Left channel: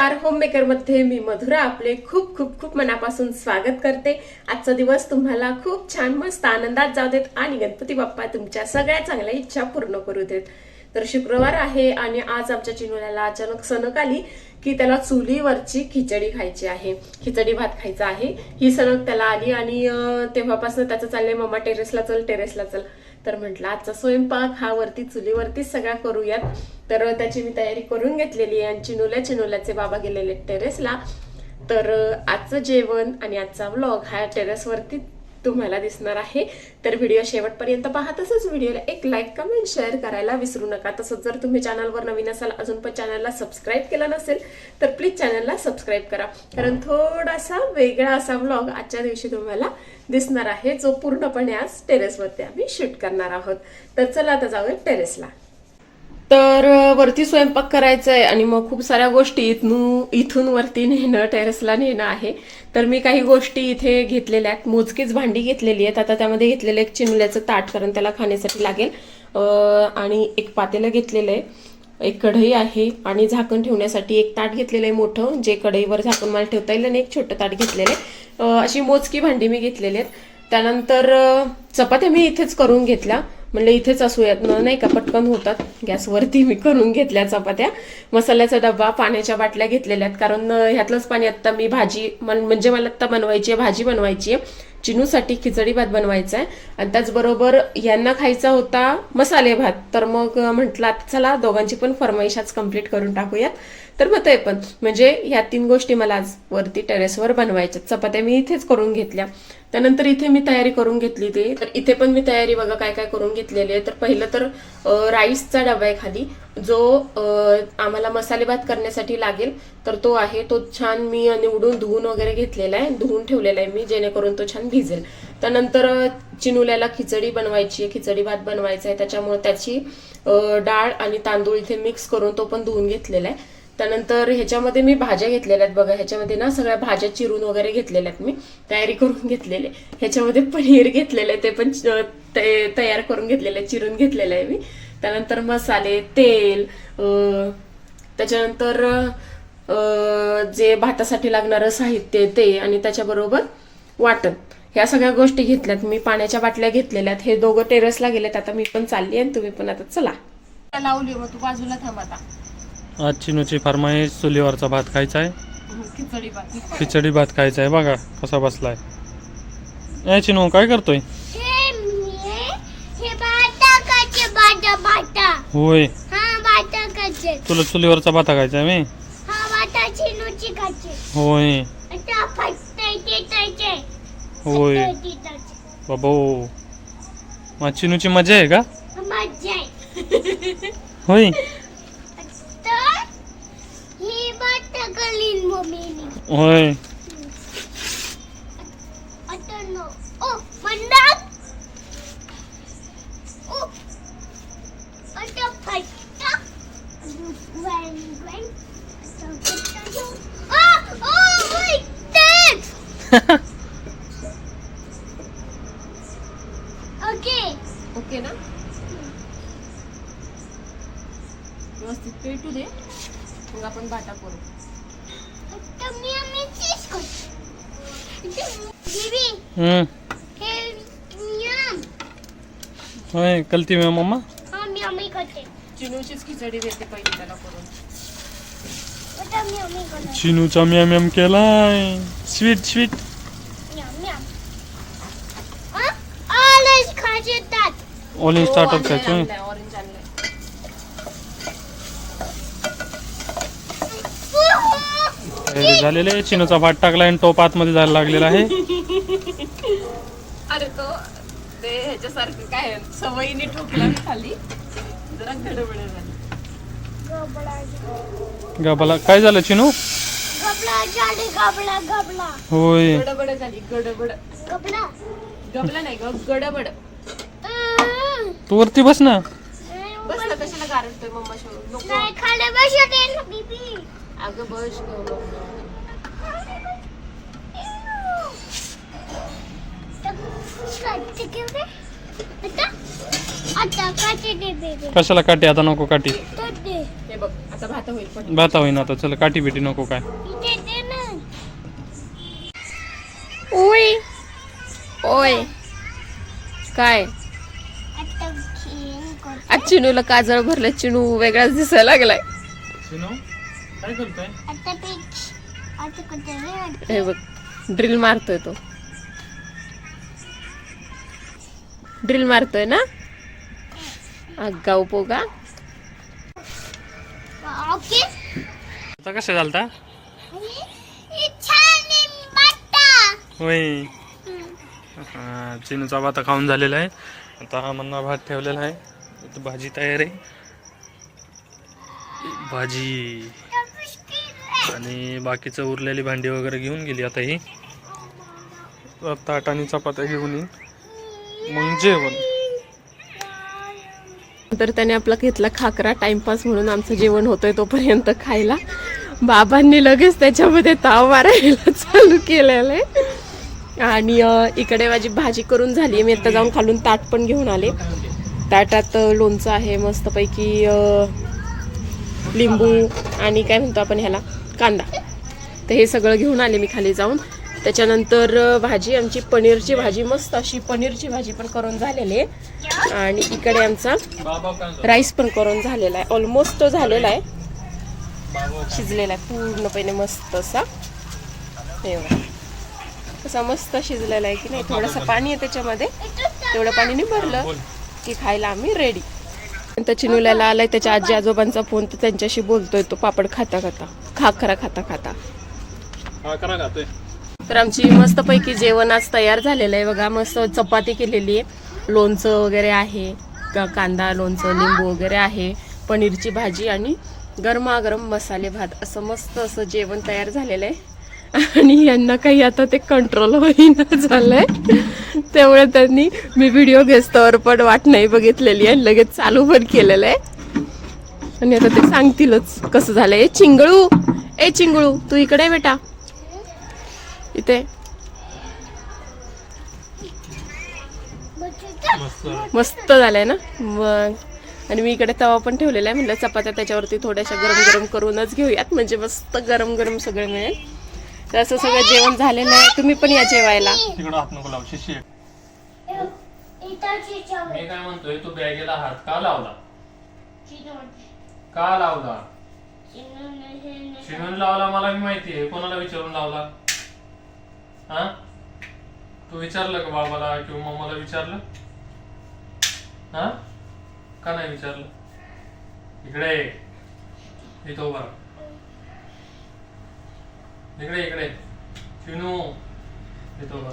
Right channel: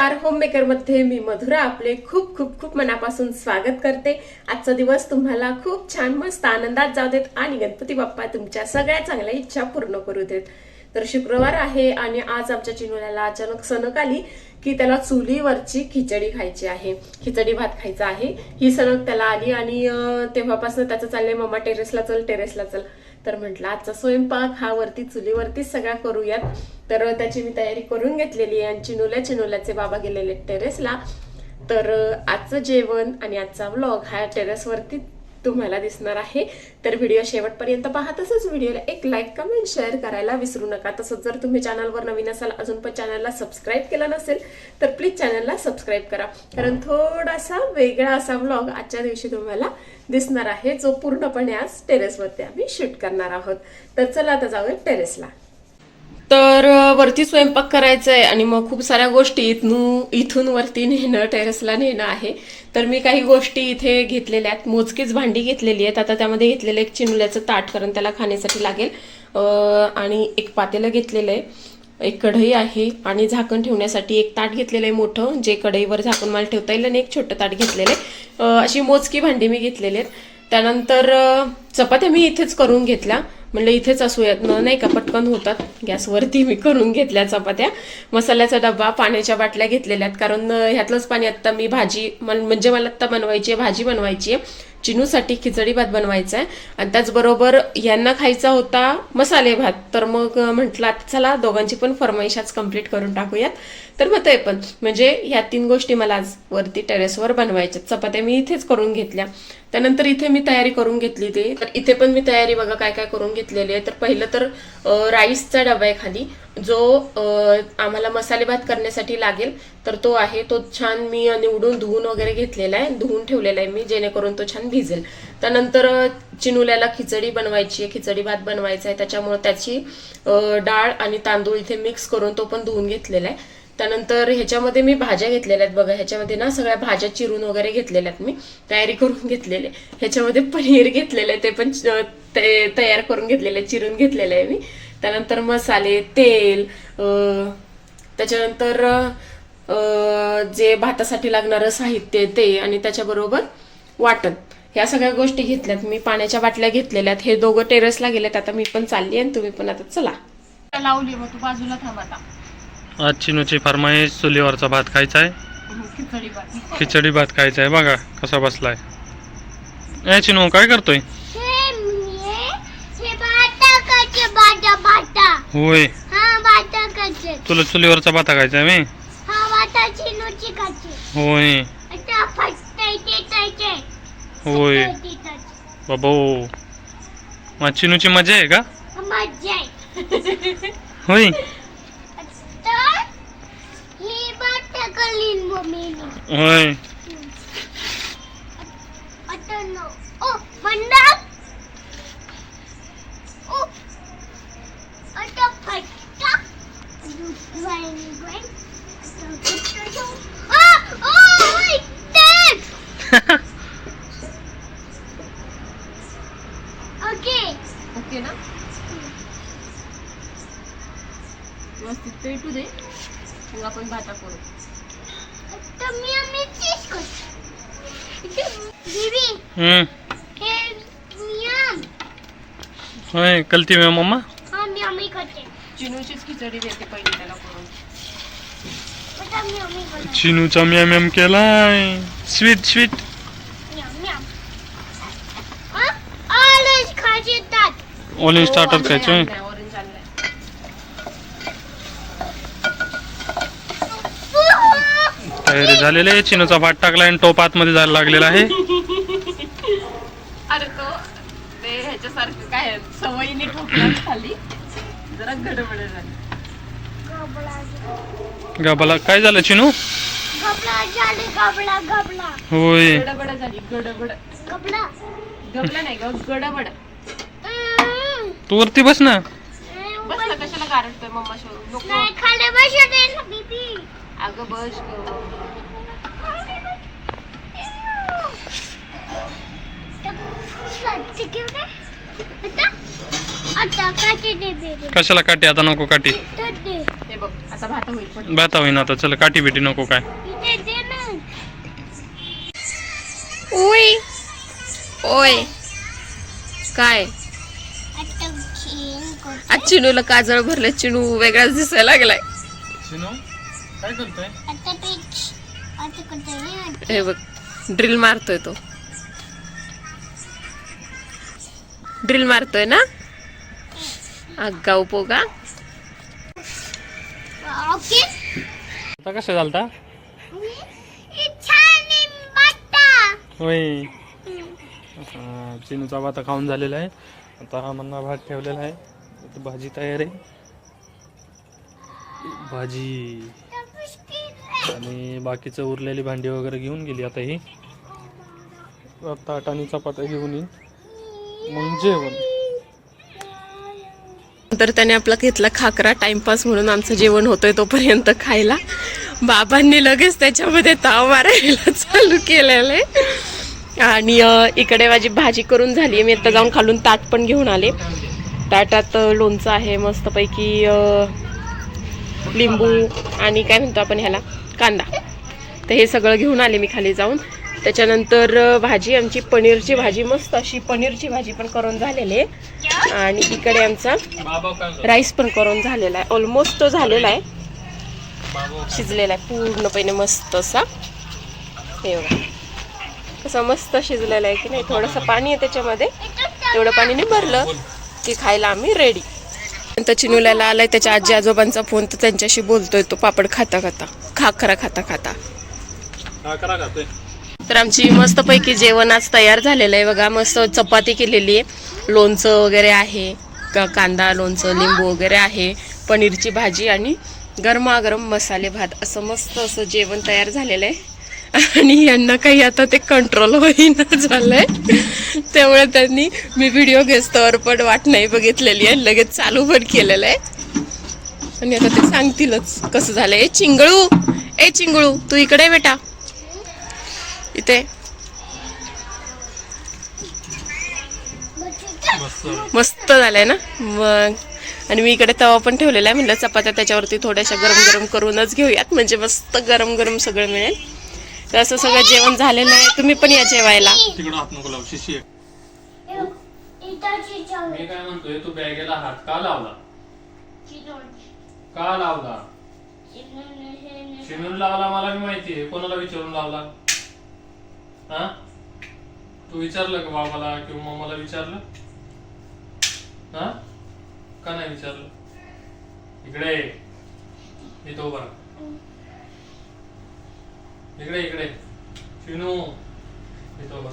R home मेकरमध्ये मी मधुरा आपले खूप खूप खूप मनापासून स्वागत करते. आजचा दिवस तुम्हाला खूप छान मस्त आनंदात जाऊ देत आणि गणपती बाप्पा तुमच्या सगळ्या चांगल्या इच्छा पूर्ण करू देत. तर शुक्रवार आहे आणि आज आमच्या चिनुल्याला अचानक सणक आली. की त्याला चुलीवरची खिचडी खायची आहे. खिचडी भात खायचा आहे. ही सणक त्याला आली आणि तेव्हापासून त्याचं चाललंय मम्मा टेरेसला चल टेरेसला चल. तर म्हटलं आजचा स्वयंपाक हा वरती चुलीवरतीच सगळा करूयात. तर त्याची मी तयारी करून घेतलेली आहे आणि चिनुल्या चिनुल्याचे बाबा गेलेले टेरेसला. तर आजचं जेवण आणि आजचा व्लॉग हा टेरेसवरती तुम्हाला दिसणार आहे. तर व्हिडिओ शेवटपर्यंत पहा. तसंच व्हिडिओला एक लाईक कमेंट शेअर करायला विसरू नका. तसंच जर तुम्ही चॅनलवर नवीन असाल अजून पण चॅनलला सबस्क्राईब केला नसेल तर प्लीज चॅनलला सबस्क्राईब करा. कारण थोडासा वेगळा असा व्लॉग आजच्या दिवशी तुम्हाला दिसणार आहे जो पूर्णपणे आज टेरेसवरती आम्ही शूट करणार आहोत. तर चला आता जाऊया टेरेसला तर वरती स्वयंपाक करायचा आहे आणि मग खूप साऱ्या गोष्टी इथून इथून वरती नेणं टेरेसला नेणं आहे. तर मी काही गोष्टी इथे घेतलेल्या आहेत. मोजकीच भांडी घेतलेली आहेत. आता त्यामध्ये घेतलेलं एक चिमल्याचं ताट कारण त्याला खाण्यासाठी लागेल. आणि एक पातेलं घेतलेलं आहे. एक कढई आहे आणि झाकण ठेवण्यासाठी एक ताट घेतलेलं आहे मोठं जे कढईवर झाकण मला ठेवता येईल आणि एक छोटं ताट घेतलेलं आहे. अशी मोजकी भांडी मी घेतलेली आहेत. त्यानंतर चपात्या मी इथेच करून घेतल्या. म्हणलं इथेच असूयात. नाही का पटकन होतात. गॅसवरती मी करून घेतल्या चपात्या. मसाल्याचा डबा पाण्याच्या बाटल्या घेतलेल्या आहेत कारण ह्यातलंच पाणी आत्ता मी भाजी मन- म्हणजे मला आत्ता बनवायची आहे भाजी बनवायची आहे. चिनूसाठी खिचडी भात बनवायचा आहे. आणि त्याचबरोबर यांना खायचा होता मसाले भात. तर मग म्हटलं आता चला दोघांची पण फरमाईशाच कंप्लीट करून टाकूयात. तर मग ते पण. म्हणजे ह्या तीन गोष्टी मला आज वरती टेरेसवर बनवायच्या चपात्या मी इथेच करून घेतल्या. त्यानंतर इथे मी तयारी करून घेतली ती. तर इथे पण मी तयारी बघा काय काय करून घेतलेली आहे. तर पहिलं तर राईसचा डबा आहे खाली. जो आम्हाला मसाले भात करण्यासाठी लागेल. तर तो आहे. तो छान मी निवडून धुवून वगैरे घेतलेला आहे. धुवून ठेवलेला आहे मी जेणेकरून तो छान भिजेल. त्यानंतर चिनुल्याला खिचडी बनवायची आहे. खिचडी भात बनवायचा आहे. त्याच्यामुळे त्याची डाळ आणि तांदूळ इथे मिक्स करून तो पण धुवून घेतलेला आहे. त्यानंतर ह्याच्यामध्ये मी भाज्या घेतलेल्या आहेत बघा ह्याच्यामध्ये ना सगळ्या भाज्या चिरून वगैरे घेतलेल्या आहेत मी तयारी करून घेतलेले. ह्याच्यामध्ये पनीर घेतलेलं आहे ते पण ते तयार करून घेतलेलं आहे चिरून घेतलेलं आहे मी. त्यानंतर मसाले तेल त्याच्यानंतर जे भातासाठी लागणारं साहित्य ते आणि त्याच्याबरोबर वाटण. ह्या सगळ्या गोष्टी घेतल्यात मी पाण्याच्या बाटल्या घेतलेल्या आहेत. हे दोघं टेरेसला गेलेत आता मी पण चालली आणि तुम्ही पण आता चला. लावली मग तू बाजूला थांब आता. आज चिनूची फरमाईश चुलीवरचा भात खायचा आहे. खिचडी भात खायचा आहे. बघा कसा बसलाय. ए चिनू काय करतोय? होय. हा तुला चुलीवरचा भात खायचा आहे मी हा होय. होय. बाबो. मग चिनूची मजा आहे का? होय. डॅड ओके ओके ना व्यवस्थित पेटू दे मग आपण भाता करू हम्म हे कलती मी मम्मा हा मी आम्ही करते चिनूचीच खिचडी देते पहिली त्याला करून चिनूचा म्याम म्याम केलाय स्वीट स्वीट हा ऑलिन स्टार्टर खायचं तयारी झालेली आहे. चिनूचा भात टाकला आणि टोप आतमध्ये जायला लागलेला आहे. अरे तो ते ह्याच्यासारखं काय सवयीने ठोकला खाली. जरा गडबड झाली गाबाला. काय झालं चिनू? गबला झाले गबला गबला. होय. गडबड झाली गडबड. गबला. गबला नाही ग गडबड. तू वरती बस ना. बस ना कशाला गारटतोय मम्मा शोधून अगं बस ग. स्वच्छ घेऊ दे आता आता काटे? दे बेबी कशाला काठी आता नको काठी हे बघ आता भात होईल भाता होईन आता. चला काठी बिटी नको काय. ओय. ओय. काय? आज चिनूला काजळ भरलं. चिनू वेगळाच दिसायला लागलाय. काय करतोय? आता पेच आता कुठे रे हे बघ ड्रिल मारतोय तो. ड्रिल मारतोय ना? आगाऊ पोगा ओके. आता कसं झालता? होय. हा, चिनूचा भात खाऊन झालेला आहे. आता हा मन्ना भात ठेवलेला आहे. भाजी तयार आहे. भाजी. आणि बाकीचं उरलेली भांडी वगैरे घेऊन गेली आता ही. ताट आणि चपात्या घेऊन येईन. मग जेवण. तर त्याने आपला घेतला खाकरा टाइमपास म्हणून आमचं जेवण होतोय तोपर्यंत खायला. बाबांनी लगेच त्याच्यामध्ये ताव मारायला चालू केलेलं आहे. आणि इकडे माझी भाजी करून झाली मी आता जाऊन खालून ताट पण घेऊन आले. ताटात लोणचं आहे मस्तपैकी लिंबू आणि काय म्हणतो आपण ह्याला? कांदा. तर हे सगळं घेऊन आले मी खाली जाऊन. त्याच्यानंतर भाजी आमची पनीरची भाजी मस्त अशी पनीरची भाजी पण करून झालेली आहे. आणि इकडे आमचा राईस पण करून झालेला आहे. ऑलमोस्ट तो झालेला आहे. शिजलेला आहे. पूर्णपणे मस्त असा. हे बघा. कसा मस्त शिजलेला आहे की नाही? थोडंसं पाणी आहे त्याच्यामध्ये. तेवढं पाणीने भरलं की खायला आम्ही रेडी नंतर चिनुल्याला आलाय त्याच्या आजी आजोबांचा फोन तर त्यांच्याशी बोलतोय तो पापड खाता खाता. खाखरा खाता खाता. तर आमची मस्तपैकी जेवण आज तयार झालेलं आहे. बघा मस्त चपाती केलेली आहे. लोणचं वगैरे आहे का कांदा लोणचं लिंबू वगैरे आहे पनीरची भाजी आणि गरमागरम मसाले भात. असं मस्त असं जेवण तयार झालेलं आहे. आणि यांना काही आता ते कंट्रोल होईना झालंय. त्यामुळे त्यांनी मी व्हिडिओ घेस्तवर पण वाट नाही बघितलेली आहे. लगेच चालू पण केलेलं आहे. आणि आता ते सांगतीलच कसं झालंय. ए चिंगळू! ए चिंगळू तू इकडे बेटा. इथे. मस्त झालंय ना? मग. आणि मी इकडे तवा पण ठेवलेला आहे. म्हणलं चपात्या त्याच्यावरती थोड्याशा गरम गरम करूनच घेऊयात. म्हणजे मस्त गरम गरम सगळं मिळेल. तर असं सगळं जेवण झालेलं आहे. तुम्ही पण या जेवायला. काय म्हणतोय तू बॅगेला हात का लावला? का लावला? शिवून लावला मला मी माहिती आहे. कोणाला विचारून लावला? हा? तू विचारलं का बाबाला किंवा मला विचारलं? हा? का नाही विचारलं? इकडे येतो इथं उभा इकडे इकडे. शिनू इथं उभा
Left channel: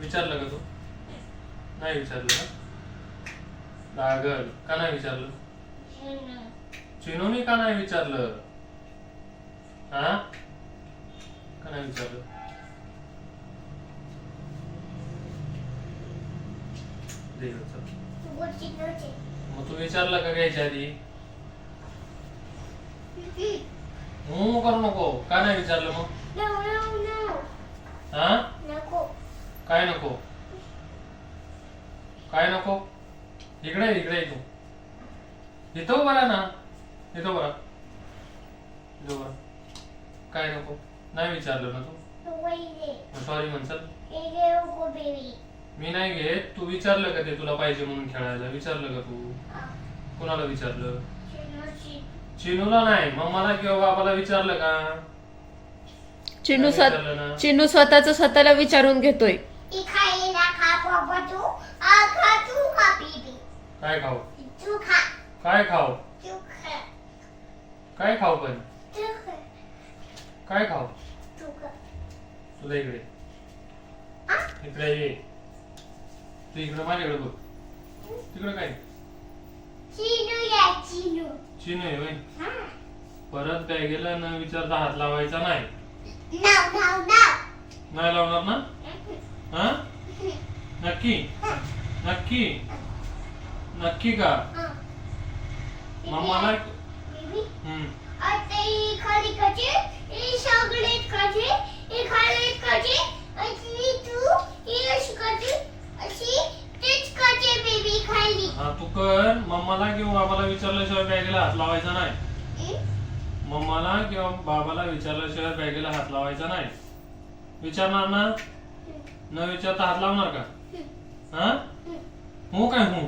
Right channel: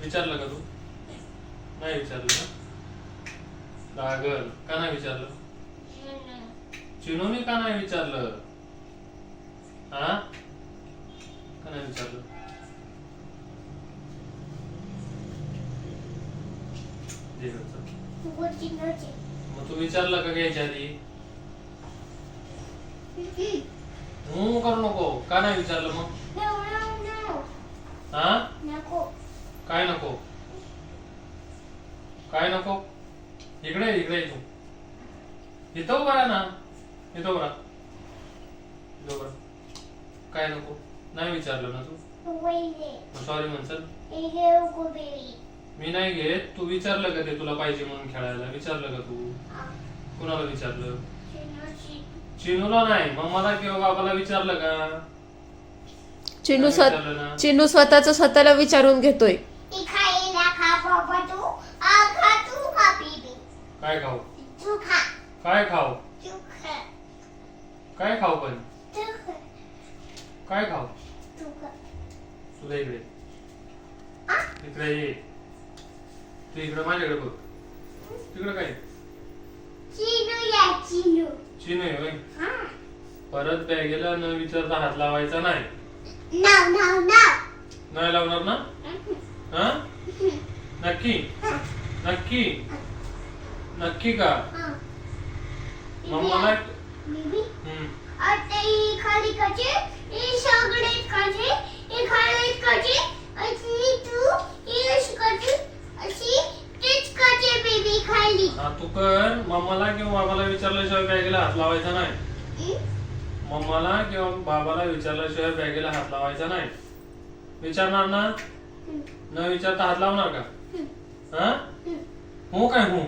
विचारलं का तू? नाही विचारलं लागल. का नाही विचारलं? चिनूनी का नाही विचारलं? हा? का नाही विचारलं. मग तू विचारलं का घ्यायच्या आधी? हू करू नको. का नाही विचारलं मग? हा? काय नको? काय नको? इकडे इकडे तू. इथं उभा ना. राहा. इथं उभा राहा. काय नको? नाही विचारलं ना तू? सॉरी म्हणसल मी नाही घेत. तू विचारलं का ते तुला पाहिजे म्हणून खेळायला? विचारलं का तू? कुणाला विचारलं? चिनूला नाही. मग मला किंवा बाबाला विचारलं का? चिनू स्वत चिनू स्वतःच स्वतःला विचारून घेतोय. ती खायला खा बाबा तू. आ खा तू खा बेबी. काय खाऊ? तू खा. काय खाऊ? काय खाऊ पण? काय खाऊ? तुला इकडे. इकडे ये. तू इकडे माझ्याकडे बघ. तिकडे काय? चिनू या चिनू. चिनू आहे होय. हा. परत बॅगेला न विचारता हात लावायचा नाही. नाही लावणार ना? हा? नक्की? नक्की? नक्की का? मग मला तू कर. मम्माला किंवा बाबाला विचारल्याशिवाय बॅगेला हात लावायचा नाही. मम्माला किंवा बाबाला विचारल्याशिवाय बॅगेला हात लावायचा नाही. विचारणार ना? न विचारता हात लावणार का? हा? हो काय हो?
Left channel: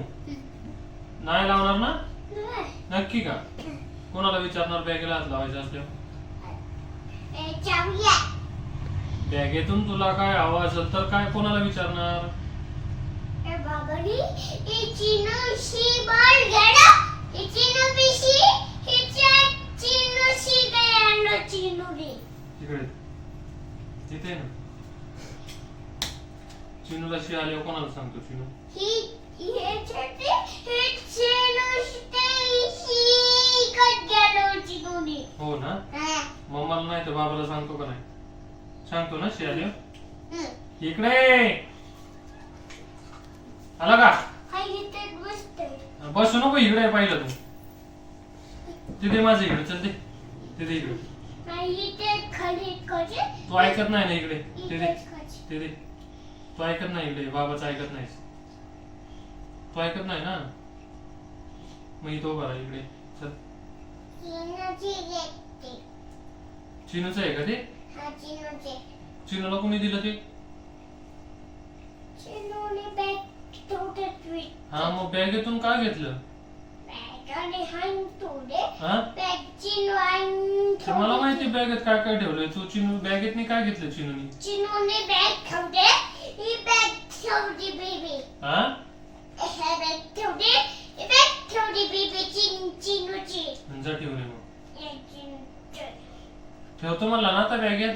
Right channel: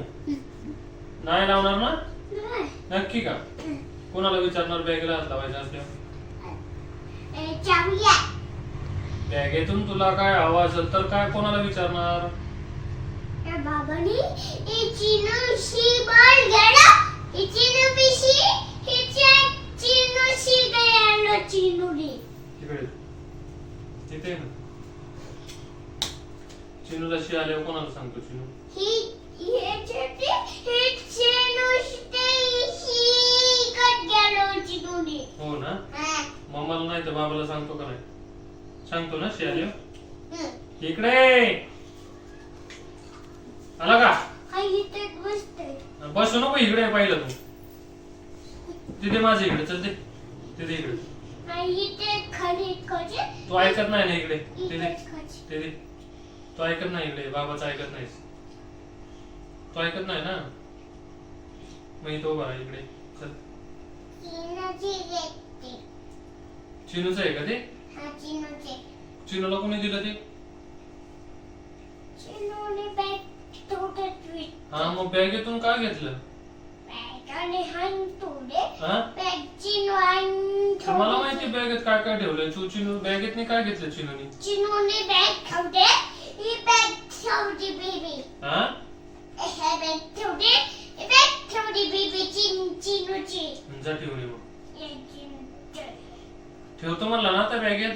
नाही लावणार ना? नक्की का? कोणाला विचारणार बॅगेला हात लावायचा असल्यावर. बॅगेतून तुला काय हवं असेल तर काय कोणाला विचारणार? तिथे ना. चिनूला शी आल्यावर कोणाला सांगतो चिनू? ही ही ही हो ना. मम्माला नाही तर बाबाला सांगतो का नाही? सांगतो ना शी आल्यावर हं. इकडे आला का? बसू नको इकडे पाहिलं तू. तिथे माझं इकडे चल ते तिथे इकडे. तू ऐकत नाही ना इकडे? तिथे. तू ऐकत नाही इकडे? बाबाचं ऐकत नाहीस. तू ऐकत नाही ना? मग इथं उभा इकडे. चल. चिनूची आहे का ते? चिनूला कोणी दिलं ते? हा मग बॅगेतून काय घेतलं? हा? मला माहिती बॅगेत काय काय ठेवलंय? तू चिनू बॅगेत काय घेतलं चिनूनी? चिनूने बॅग ठेवते ही बॅग ठेवली बेबी हा? हे बॅग ठेवली. ठेवली बेबी चिन चिनूची. जा ठेवली मग. चिनूचे. ठेवतो म्हणला ना त्या बॅगेत?